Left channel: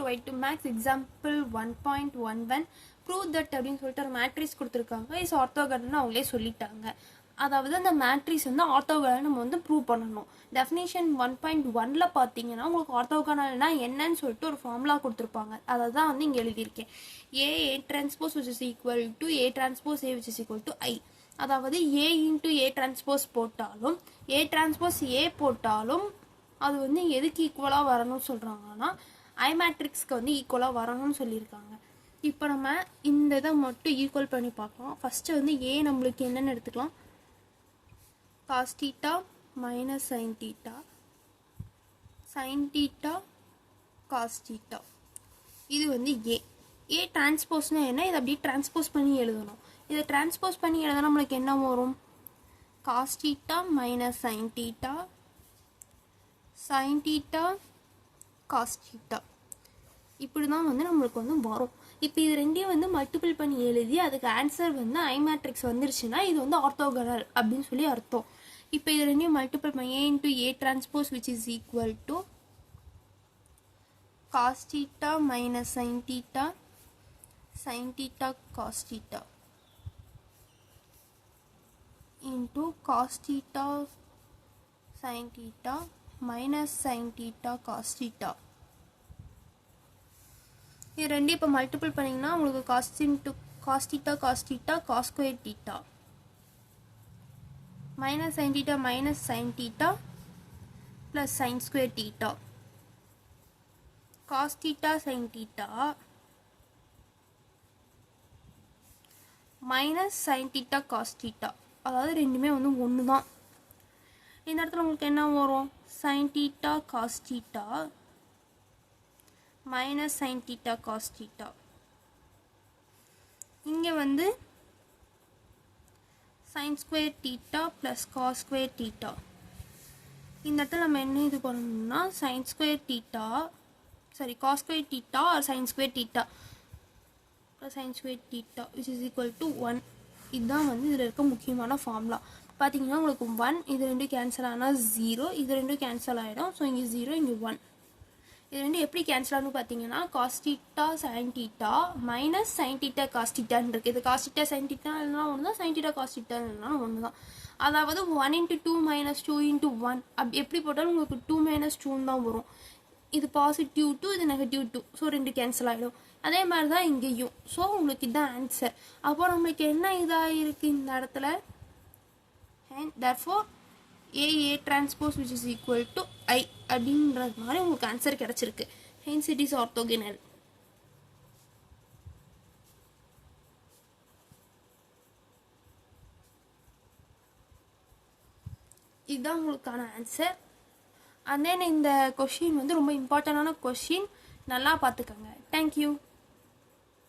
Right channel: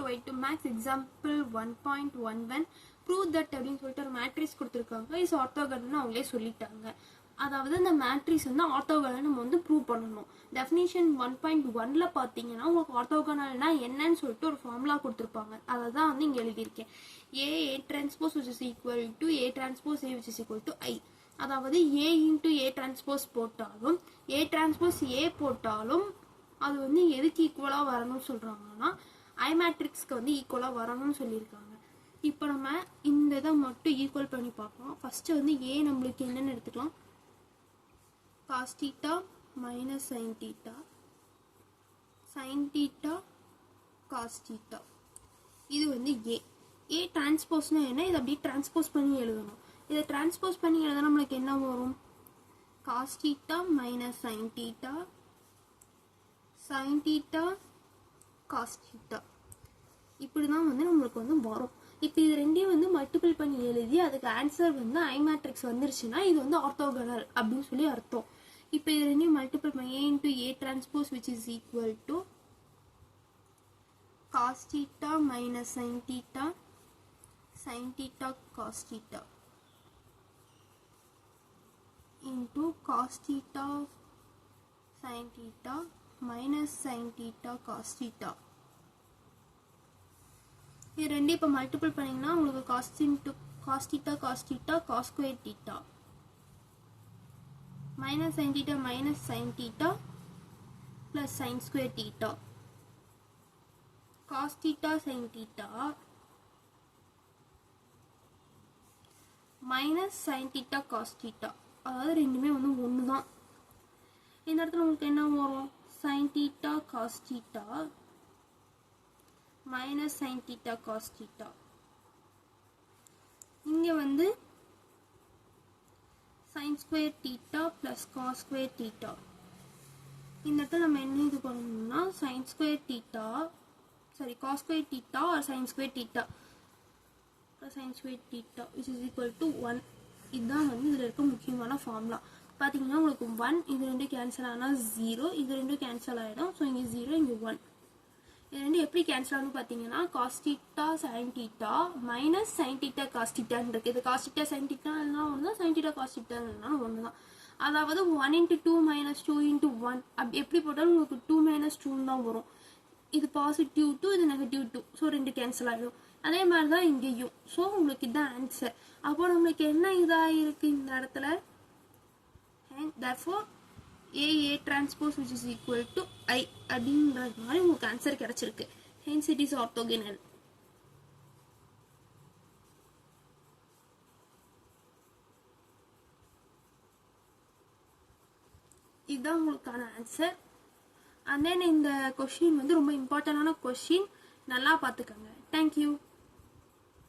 to y2 max example 1.11 prove that அப்படின்னு சொல்லிட்டு ஒரு மேட்ரிக்ஸ் கொடுத்துருக்காங்க. இஸ் ஆர்த்தோகனல்னு அவங்களே சொல்லிட்டாங்க. அதாவது அந்த மேட்ரிக்ஸ் வந்து ஆர்த்தோகனல் நம்ம வந்து ப்ரூவ் பண்ணணும். டெஃபினிஷன் 1.1ல பார்த்தீங்கன்னா உங்களுக்கு ஆர்த்தோகனல்னா என்னன்னு சொல்லிட்டு ஒரு ஃபார்முலா கொடுத்துருப்பாங்க. அதை தான் வந்து இங்கே எழுதியிருக்கேன். A transpose which is equal to A transpose A which is equal to I. அதாவது A into A transpose போட்டாலும் A transpose A போட்டாலும் அது வந்து எதுக்கு ஈக்குவலாக வரணும்னு சொல்கிறாங்கன்னா ஐ மேட்ரிக்ஸ்க்கு வந்து ஈக்குவலாக வரணும்னு சொல்லியிருக்காங்க. இப்போ நம்ம இந்த இதை மட்டும் ஈக்குவல் பண்ணி பார்க்கலாம். ஃபஸ்ட்டு வந்து ஏ நம்மளுக்கு என்னென்னு எடுத்துக்கலாம். cos theta minus sin theta, sin theta cos theta. இது வந்து ஏ டிரான்ஸ்போஸ்னா என்ன, இதை அப்படியே டிரான்ஸ்போஸ் பண்ணி எழுதணும். இதை டிரான்ஸ்போஸ் பண்ணி எழுத நம்மளுக்கு என்ன வரும், cos theta minus sin theta, sin theta cos theta. இப்படி தான் வந்து நம்மளுக்கு வந்து வரும். இப்போ இது ரெண்டையும் வந்து மல்டிபிள் பண்ணி எழுதி அதுக்கு ஆன்சர் வந்து ஐ மேட்ரிக்ஸ் வந்துருச்சுன்னா இது வந்து ஆர்த்தோகனல் அப்படின்னு சொல்லி அர்த்தம். இப்போ இது ரெண்டையும் மல்டிபிள் பண்ணி A into A transpose which is equal to cos theta minus sin theta, sin theta cos theta into cos theta sin theta minus sin theta cos theta. இது ரெண்டு இப்போ மல்டிபிள் பண்ணிங்கன்னா உங்களுக்கு cos theta cos theta cos square theta minus sin theta plus sin square theta cos theta sin theta minus sin theta cos theta. அதாவது ரெண்டுமே வந்து ஒன்று தான். இந்த இடத்துல உங்களுக்கு என்ன வரும், sin theta cos theta minus sin theta cos theta. இங்கே வந்து sin square theta plus cos square theta. இந்த இடத்துல நம்ம என்ன இது பண்ணணும்னா sin square theta cos square theta or sin square theta plus sin square theta which is equal to 1. இதுதான் வந்து இதில் இருக்க முக்கியமான ஃபார்முலா. பார்த்தீங்கன்னா உங்களுக்கு 1 இது ரெண்டும் கேன்சல் ஆனால் 0, இது ரெண்டும் கேன்சல் ஆகிடும். ஸோ இங்கே 0 இங்கே 1. இது ரெண்டும் எப்படி கேன்சல் ஆகுன்னு பார்த்தீங்கன்னா cos theta sin theta minus sin theta cos theta இருக்குது. இது cos theta sin theta ஒன்று தான், sin theta cos theta ஒன்று தான். அதாவது 1 into 2 minus 2 into 1 அப்படி எப்படி போட்டாலும் உங்களுக்கு 2 minus 2 தான் வரும். இது பாசிட்டிவ் 2, இது நெகட்டிவ் 2. ஸோ ரெண்டு கேன்சல் ஆகிடும். அதே மாதிரி தான் இங்கேயும். ஸோ உங்களுக்கு இதுதான் ஆன்சர். அப்போ நம்மளுக்கு என்ன இதாக இருக்குது இந்த இடத்துல, and therefore A transpose which is equal to I அப்படின்றது மாதிரி உங்களுக்கு ஆன்சர் கிடைச்சிருக்கு. hence it is orthogonal. இதுதான் உங்களுக்கான ஆன்சர். and then இந்த கொஷின் வந்து ரொம்ப இம்பார்ட்டண்டான கொஷின், நல்லா பார்த்துக்கோங்க. தேங்க்யூ.